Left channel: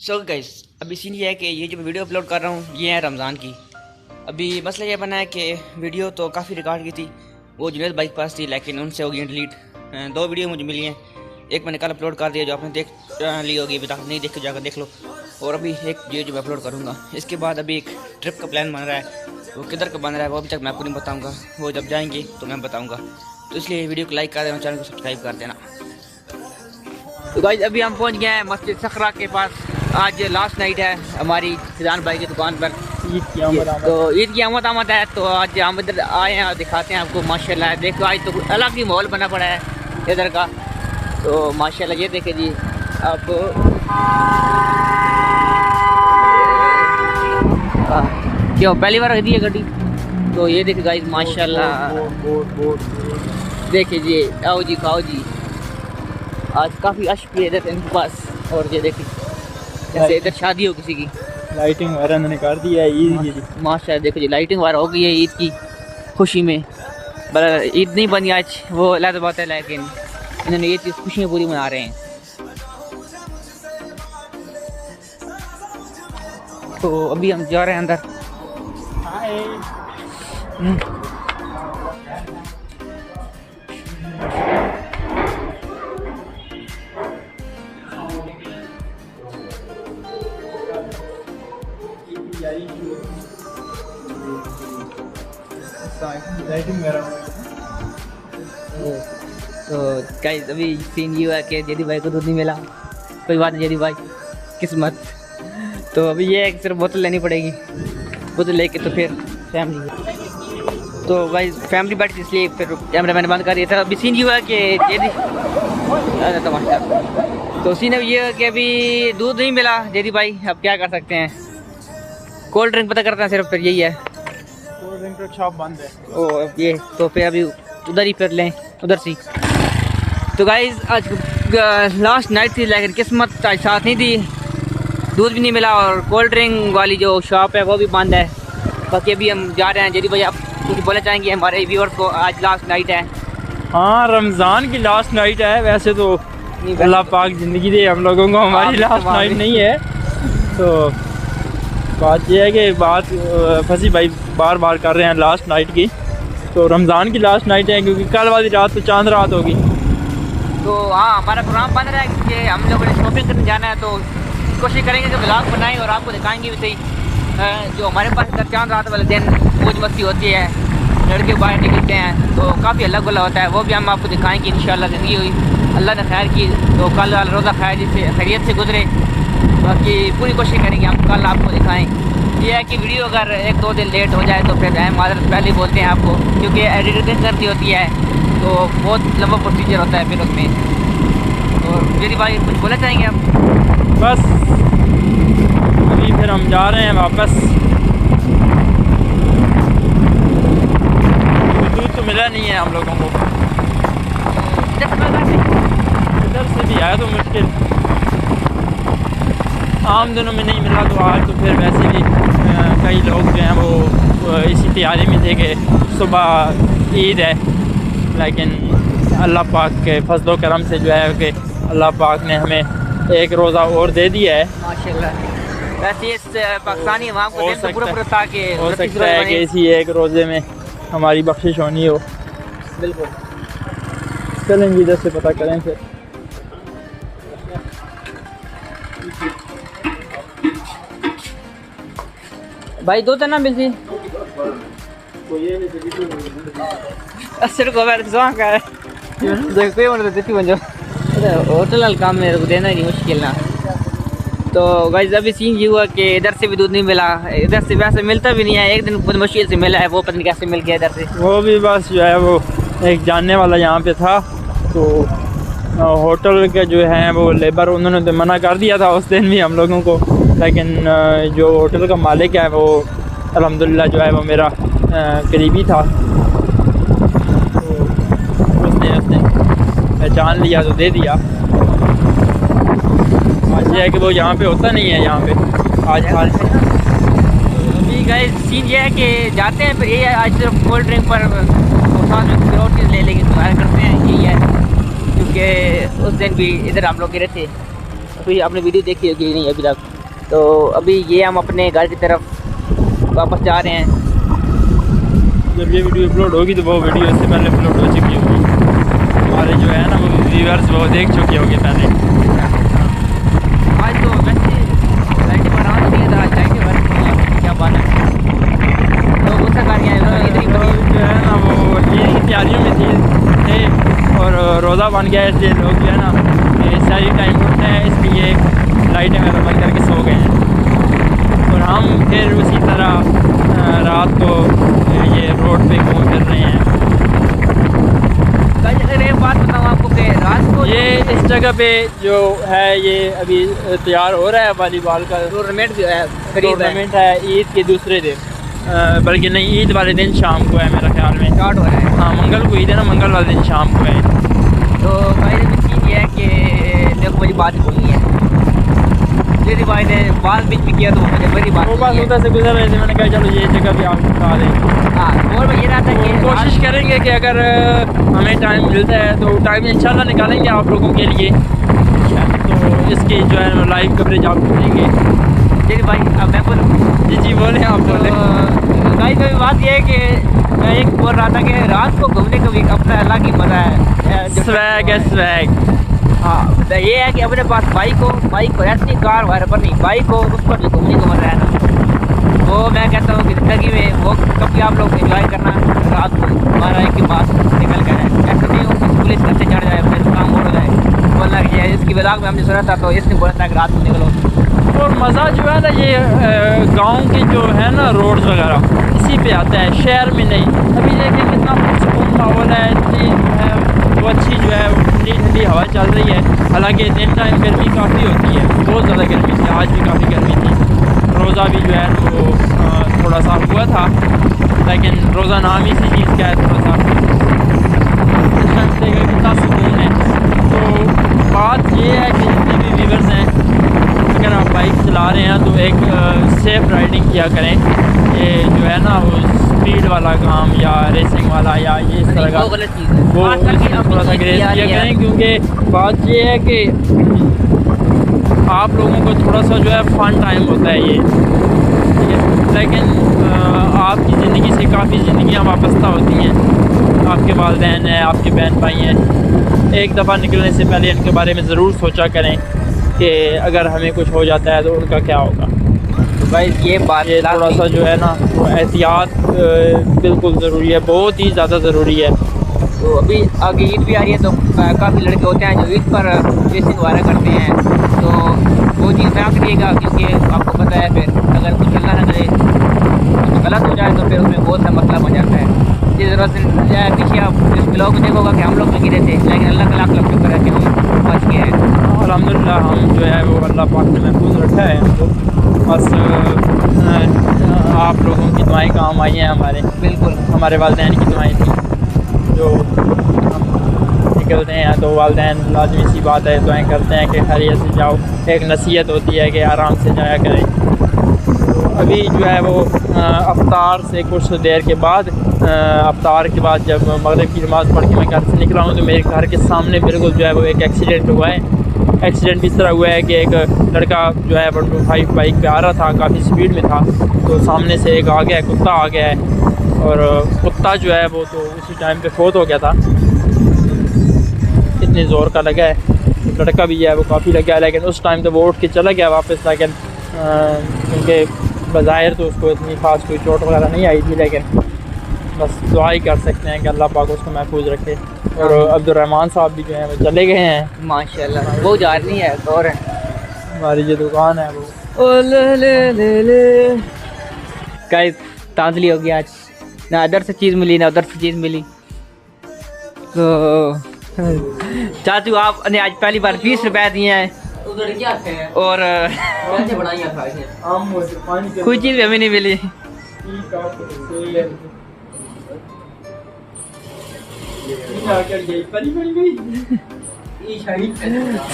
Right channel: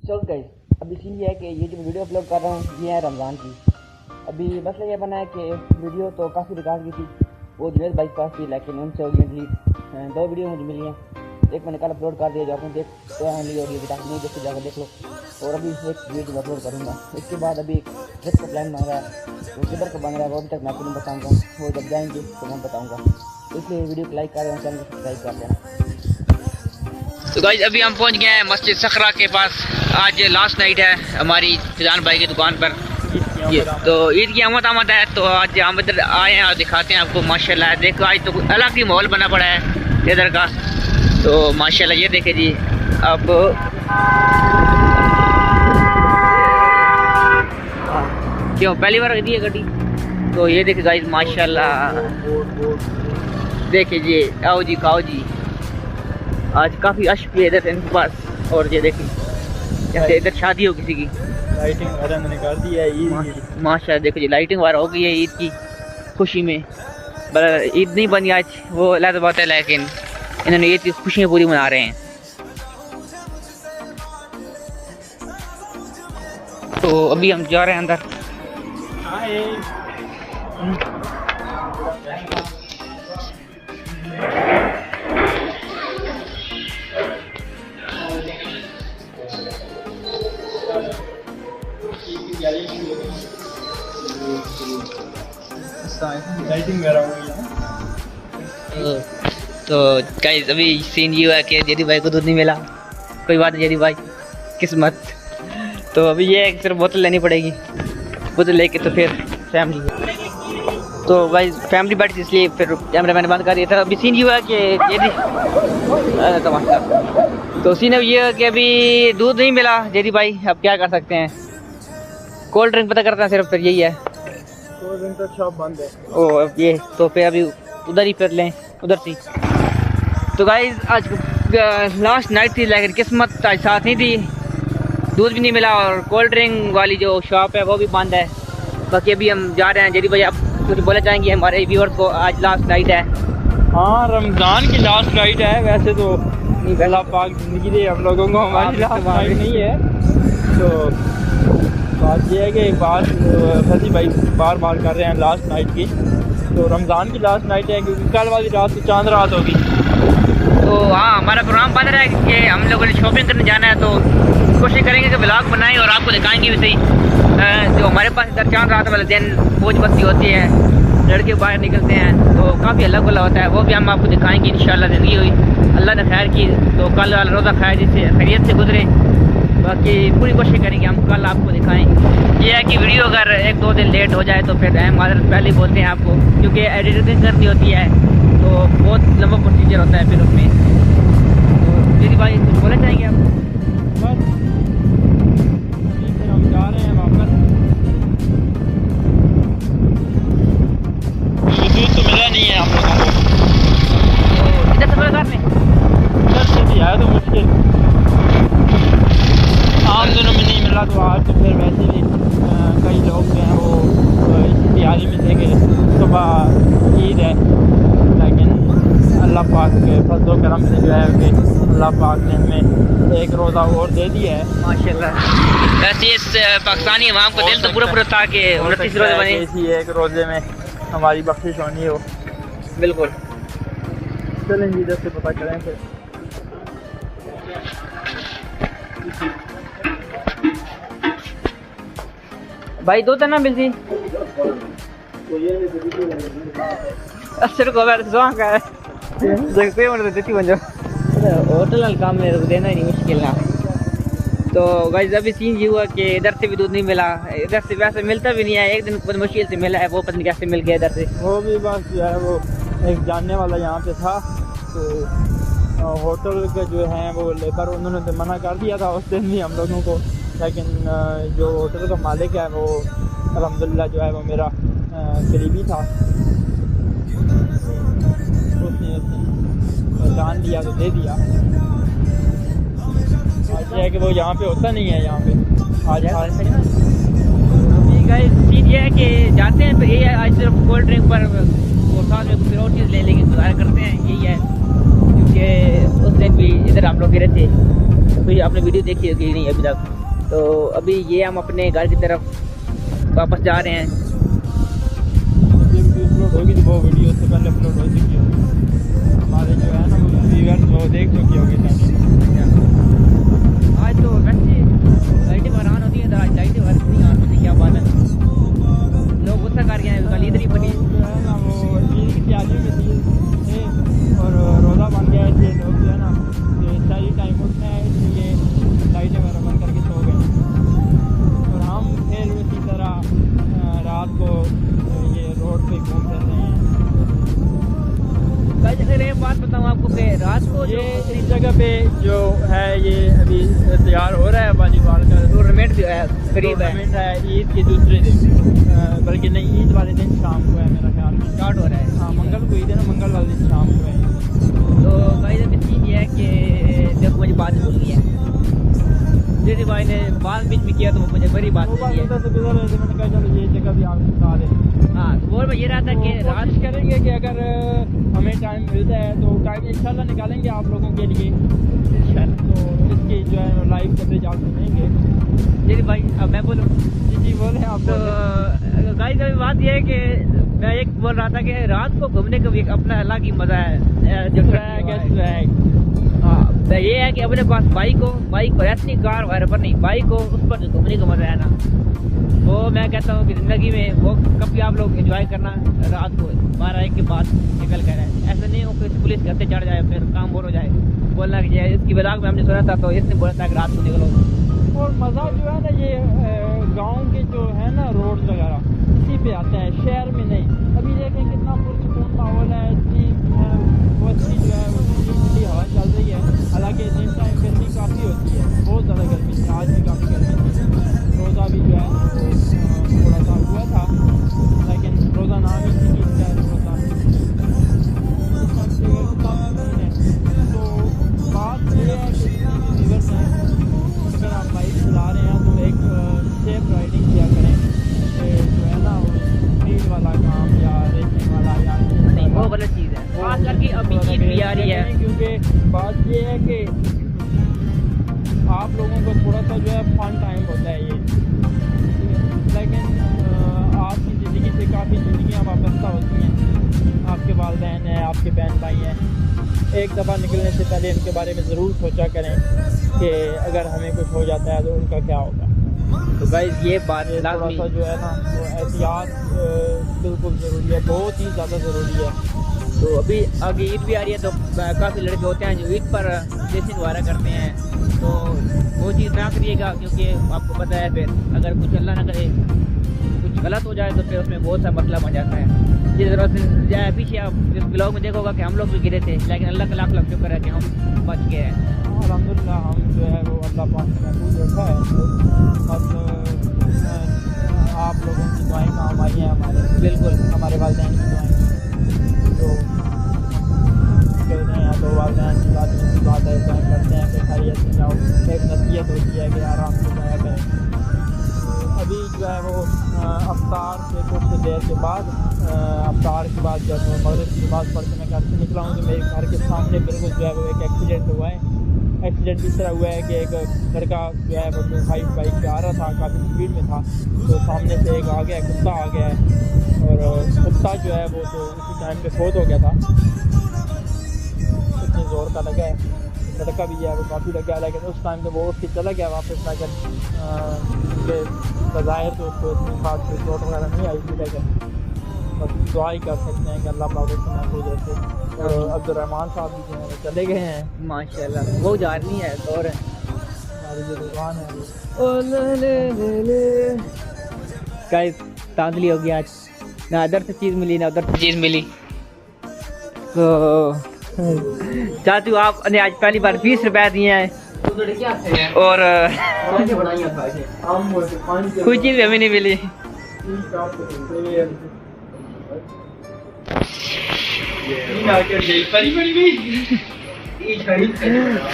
So guys अभी scene ये है कि ये जो वीडियो अपलोड कर रहा हूँ ये है रमज़ान की। अभी मसला ये बना है कि वीडियो तो काफ़ी रिकॉर्ड की थी, वो जुनैद बाइक पास थी, लेकिन उनसे हो गई डिलीट। 2 वीडियो मुझे मिली हैं, एक मैंने कल अपलोड कर दिया जो आपने देख ली होगी, अभी तक नहीं देख के जाकर देख लो। और अभी एक वीडियो जो मैं अपलोड करूँगा, इसके बाद अभी एक ट्रिप का प्लान बन रहा है। वो किधर का बन रहा है वो अभी तक मैं आपको नहीं बताऊँगा, वो जब जाएंगे तो मैं बताऊँगा। तो इसलिए वीडियो को लाइक कर देना, चैनल को सब्सक्राइब कर देना। तो गाइस अभी हम पहुंच गए हैं मस्जिद सखरा के पास। आज लास्ट नाइट है हमारी फिजान भाई की दुकान पर। तो ईद की आमद है, तो आज हम इधर आए हैं और दिखाते हैं आपको। माशाल्लाह देखो आज तो अलग ही माहौल बना पड़ा है इधर का। तो माशाल्लाह ये देखे जी। अब क्यों पहली बार दी है गाड़ी, तो ये देखे गाइस माशाल्लाह देखिए जी। आओ जी खाओ जी। आज काफ़ी अश भी है इधर इनके पास। और ये देखिए जैसे इधर शादी हो किसी की, लाइटिंग वगैरह इन्होंने कर दी है ईद की। माशाल्लाह देखो जी लाइटिंग वगैरह हो गई है ईद की खुशी में। ईद नहीं बनी आज, वो अलग बात है, लेकिन इन्होंने ईद की खुशियाँ पूरी मना रहे हैं। तो अभी हम जा रहे हैं अंदर। लाइटिंग वगैरह तो गाइस अभी सीन ये हुआ कि जेदी भाई को दूध नहीं मिला। कोई बात नहीं जेदी भाई, किस्मत। तो अभी ये है कि सिर्फ बोतल लेनी पड़ेगी, बोतल लेके तो फिर फैमिली। तो भाई फैमिली बैठी इसलिए फिर कैमरा मैंने बंद कर दिया था। अभी सीन ये हुआ कि जेदी तो सीन अब ये है कि अभी दूध नहीं मिला जेदी भाई, अब क्या कर सकते हैं। कोल्ड ड्रिंक पता करता है सिर्फ, फिर यही है। कोल्ड ड्रिंक का शॉप बंद है। ओ ये तो फिर अभी उधर ही फिर लें, उधर से। तो गाइस आज लास्ट नाइट थी, लेकिन किस्मत आज साथ नहीं दी, दूध भी नहीं मिला और कोल्ड ड्रिंक वाली जो शॉप है वो भी बंद है। बाकी अभी हम जा रहे हैं। जेडी भाई आप कुछ बोलना चाहेंगे हमारे व्यूअर को? आज लास्ट नाइट है। हाँ रमज़ान की लास्ट नाइट है। वैसे तो अल्लाह पाक ज़िंदगी दे हम लोगों को, हमारी लास्ट नाइट नहीं है। तो बात यह है कि बात फंसी भाई बार बार कर रहे हैं लास्ट नाइट की। तो रमज़ान की लास्ट नाइट है, क्योंकि कल वाली रात तो चांद रात होगी। तो हाँ हमारा प्रोग्राम बन रहा है कि हम लोगों ने शॉपिंग करने जाना है, तो कोशिश करेंगे कि ब्लॉग बनाएं और आपको दिखाएंगे भी सही। जो हमारे पास इधर चांद रात वाले दिन मौज मस्ती होती है, लड़के बाहर निकलते हैं, तो काफ़ी अलग वाला होता है, वो भी हम आपको दिखाएंगे इंशाल्लाह। ज़िंदगी हुई अल्लाह ने खैर की तो कल वाला रोज़ा खैरियत से गुजरे। बाकी पूरी कोशिश करेंगे हम कल आपको दिखाएं। ये है कि वीडियो अगर 1-2 दिन लेट हो जाए तो फिर हम माजरत पहले ही बोलते हैं आपको, क्योंकि एडिटिंग करनी होती है तो बहुत लंबा प्रोसीजर होता है फिर उसमें। तो दीदी भाई कुछ बोलना चाहेंगे आप? बस अभी फिर हम जा रहे हैं वापस। दूध तो मिला नहीं है हम लोगों को। तो इधर से मिला इधर से भी आया तो मुश्किल, आम दिनों में नहीं मिला। तो आज तो फिर वैसे भी कई लोग जो हैं वो इसी तैयारी में थे कि सुबह ईद है, लेकिन अल्लाह पाक के फजलो करम से जो है कि अल्लाह पाक ने हमें एक रोज़ा और दे दिया है माशाल्लाह। वैसे इस पाकिस्तानी अवाम को दिल तो पूरा था कि 29 रोज़े बने, इसी एक रोज़े में हमारी बख्शिश होनी हो। बिल्कुल। चलें जी इधर से पता करें फिर। भाई दो तो ना मिलती असर को बैठ सो का देख पे मन देती बन जाओ होटल वाला काम मेरे को देना नहीं मुश्किल ना। तो गाइस अभी सीन ये हुआ कि इधर से भी दूध नहीं मिला, इधर से वैसे मिलता भी नहीं है, एक दिन बहुत मुश्किल से मिला है, वो पता नहीं कैसे मिल गया इधर से। वो भी बस जो है वो एक जानने वाला यहाँ पे था, तो होटल के जो हैं वो लेबर उन्होंने तो मना कर दिया था उस दिन भी हम लोगों को, लेकिन जो होटल का मालिक है वो अल्हम्दुलिल्लाह जो है वो मेरा करीबी था। तो उसने पहचान लिया तो दे दिया। आज ये है कि वो यहाँ पे होता नहीं है, यहाँ पे आज हाल से। अभी गाइस सीन ये है कि जाते हैं फिर ये आज सिर्फ कोल्ड ड्रिंक पर साथ में कोई और चीज़ ले लेंगे, ट्राई करते हैं। यही है क्योंकि उस दिन भी इधर हम लोग गिरे थे, काफ़ी आपने वीडियो देखी होगी नहीं अभी तक। तो अभी ये हम अपने घर की तरफ वापस जा रहे हैं। जब ये वीडियो अपलोड होगी तो वो वीडियो इससे पहले अपलोड हो चुकी होगी, हमारे जो है ना वो व्यूअर्स वो देख चुके होंगे पहले। आज तो वैसे लाइटें पर आना चाहिए था, लाइटें वर्क नहीं आ रही, क्या बात है। तो गुस्सा कर गया इधर ही बनी जो है ना वो ये तैयारियों में थे और रोज़ा बन गया है, इसलिए लोग जो है ना सारी टाइम उठते हैं, इसलिए लाइटें वगैरह बंद करके सो गए हैं। और हम फिर उसी तरह रात को ये रोड पे घूम फिर रहे हैं। अगर एक बात बताऊँ आपको कि रात को ये इस जगह पे जो है ये अभी तैयार हो रहा है वॉलीबॉल का टूर्नामेंट भी है, करीब है, टूर्नामेंट है ईद के दूसरे दिन, बल्कि नहीं ईद वाले दिन शाम को है मेरा ख्याल में, स्टार्ट हो रहा है। हाँ मंगल को ईद है ना, मंगल वाले दिन शाम को है। तो भाई ने चीज़ ये है कि देखो मुझे बात बोलनी है, मेरी भाई ने बाल बीच में किया तो वो मुझे बड़ी बात वो बात उधर से गुजर रहे थे, मैंने कहा चलो ये जगह भी आप बता दें। हाँ, और मैं ये रहा था कि कोशिश करेंगे कि अगर हमें टाइम मिलता है तो टाइम इंशाल्लाह निकालेंगे आप लोगों के लिए, तो इसकी जो है लाइव कवरेज आप करेंगे। मेरी भाई अब मैं बोलूँ जी जी बोलें आप। तो गाइस अभी बात ये है कि मैं एक बोल रहा था कि रात को घूमने का भी अपना अलग ही मज़ा है, स्वैग है स्वैग। हाँ, तो ये है कि अपने पास बाइक हो ऐसी कार वगैरह पर नहीं, बाइक हो उस पर भी घूमने को मज़ा है ना। वो मैं कहता हूँ कि ज़िंदगी में वो कभी आप लोग एंजॉय करना रात को 12 के पास निकल कर है, ऐसा नहीं हो कि पुलिस घर से चढ़ जाए फिर काम हो जाए बोलना कि इसकी वजह में हमने सुना था तो इसने बोला था कि रात को निकलो। और मज़ा जो है ना ये गांव के जो है ना रोड्स वगैरह इसी पे आता है, शहर में नहीं। अभी देखिए कितना सुकून माहौल है, इतनी वो अच्छी जो है ठंडी ठंडी हवा चल रही है। हालांकि दिन टाइम गर्मी काफ़ी होती है, बहुत ज़्यादा गर्मी थी, आज भी काफ़ी गर्मी थी। रोज़ा भी जो है वो थोड़ा सा हुआ था, लेकिन रोज़ा नाम ही इसी चीज़ का है, थोड़ा सा कितना सुकून है। तो बात ये है कि जितने भी व्यूअर्स हैं, अगर आप बाइक चला रहे हैं तो एक सेफ़ राइडिंग किया करें। ये जो है ना वो स्पीड वाला काम या रेसिंग वाला या ये इस तरह का वो गलत चीज़ है, वो खास करके थोड़ा सा अपनी ग्रेस चीज़ किया यार करें, क्योंकि बात ये है कि आप लोगों को थोड़ा सा जो है फ़न टाइम होता है ये, ठीक है। लेकिन आपकी ज़िंदगी से काफ़ी ज़िंदगियाँ वाबस्ता होती हैं, आपके वालिदैन हैं, आपके बहन भाई हैं। एक दफ़ा निकलने से पहले इनके बारे में ज़रूर सोचा करें कि अगर हमें कुछ हो जाता है तो उनका क्या होगा। तो भाई ये बात ये थोड़ा सा जो है ना वो एहतियात बिल्कुल ज़रूरी है, बहुत ही ज़्यादा ज़रूरी है। तो अभी आगे ईद भी आ रही है तो काफ़ी लड़के होते हैं जो ईद पर रेसिंग वगैरह करते हैं, तो वो चीज़ ना करिएगा, क्योंकि आपको पता है फिर अगर कुछ अल्लाह ना करे कुछ गलत हो जाए तो फिर उसमें बहुत सा मसला बन जाता है। जिस तरह से पीछे आप इस ब्लॉग में देखोगा कि हम लोग भी गिरे थे, लेकिन अल्लाह का लाख लाख शुक्र है कि हम बच गए हैं। अल्हम्दुलिल्लाह हम जो है वो अल्लाह पाक ने महफूज रखा है हमको, बस आप लोगों की दुआएं काम आई हैं हमारे, बिल्कुल हमारे वालिदैन की दुआएं थी जो निकलते हैं तो वालिदैन लाजमी सी बात है दुआएं करते हैं कि खैरियत से जाओ। एक नसीहत होती है कि आराम से जाया करें। अभी जो है वो अफ्तार से कुछ देर के बाद अफ्तार के बाद जब मगरिब की नमाज़ पढ़ के मैं घर से निकला हूँ तो मेरे घर के सामने बिल्कुल जो है वो एक एक्सीडेंट हुआ है। एक्सीडेंट इस तरह हुआ है कि एक लड़का जो है 125 बाइक पे आ रहा था, काफ़ी स्पीड में था, तो सामने से एक आ गया, कुत्ता आ गया है और कुत्ता जो है वो तो उसी टाइम पे फोत हो गया था, इतने ज़ोर का लगा है। लड़का भी है वो काफ़ी लगा है, लेकिन उस टाइम तो वो उठ के चला गया वापस, लेकिन क्योंकि बज़ाहिर तो उसको इतनी खास कोई चोट वगैरह नहीं आई थी, लेकिन बस दुआ ही कर सकते हैं कि अल्लाह पाक उसको महफूज रखे। और अब्दुर्रहमान साहब भी जो हैं वो चले गए हैं माशाल्लाह, वो जा रही है और हमारी जो दुकान है वो गाइस तांतली हो गया आज, ना इधर से चीज़ मिली ना उधर से चीज़ मिली। तो चाचू आपने आज पहली बार 20 रुपए दिए हैं और कोई चीज़ हमें नहीं मिली।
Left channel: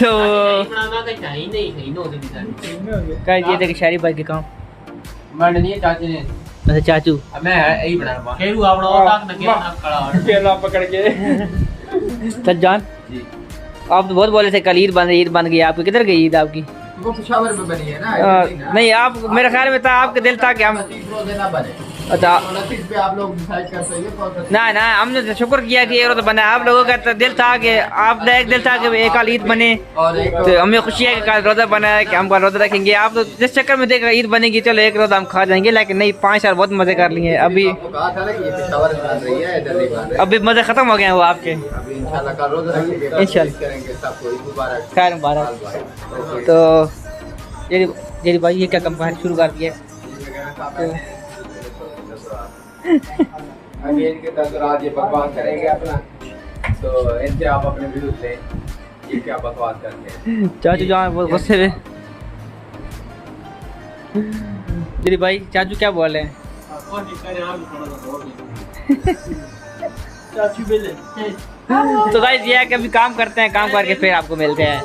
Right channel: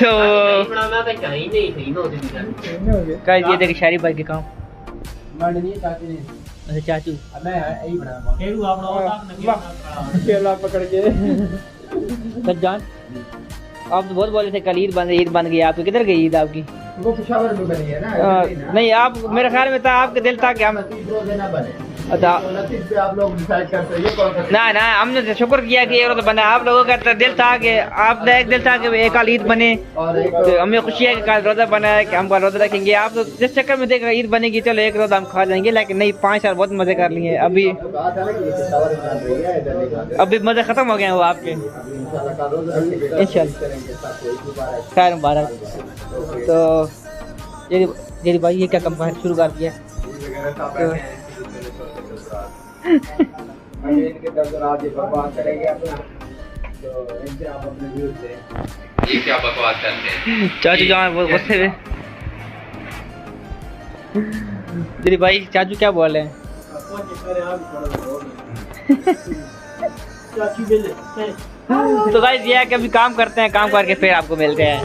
तो गाइस ये देख शहरी भाई के काम अच्छा चाचू केला पकड़ के सज्जान आप तो बहुत बोले थे कल ईद बन गई आपकी, किधर गई ईद आपकी? वो पेशावर में बनी है ना, नहीं आप, मेरे ख्याल में था आपके दिल था कि हम 29 रोजे ना बने। अच्छा 29 पे आप लोग डिसाइड करते हैं, ये कौन सा? ना ना, हमने तो शुक्र किया कि ये तो बना। आप लोगों का तो दिल था कि आपका एक दिल था कि एक कल ईद बने, और एक तो हमें खुशी है कि कल रोज़ा बना है कि हम कल रोज़ा रखेंगे। आप तो जिस चक्कर में देखा ईद बनेगी चलो एक रोज़ा हम खा जाएंगे, लेकिन नहीं 5 साल बहुत मज़े कर लिए। अभी आपको कहा था ना कि ये पेशावर में बन रही है, इधर नहीं बन रही। अभी मज़े ख़त्म हो गए हैं वो आपके। अभी इंशाल्लाह कल रोजा रखेंगे, इंशाल्लाह। करेंगे सबको ईद मुबारक। खैर मुबारक। तो ये भाई ये क्या कंपनी शुरू कर दिया? अभी इनके तसरात ये बकवास करेंगे अपना, तो इनसे आप अपने व्यूज लें, ये क्या बकवास करते हैं। चाचू जहाँ वो गुस्से में, मेरे भाई चाचू क्या बोल रहे हैं? तो भाई ये है कि अभी काम करते हैं, काम करके फिर आपको मिलते हैं।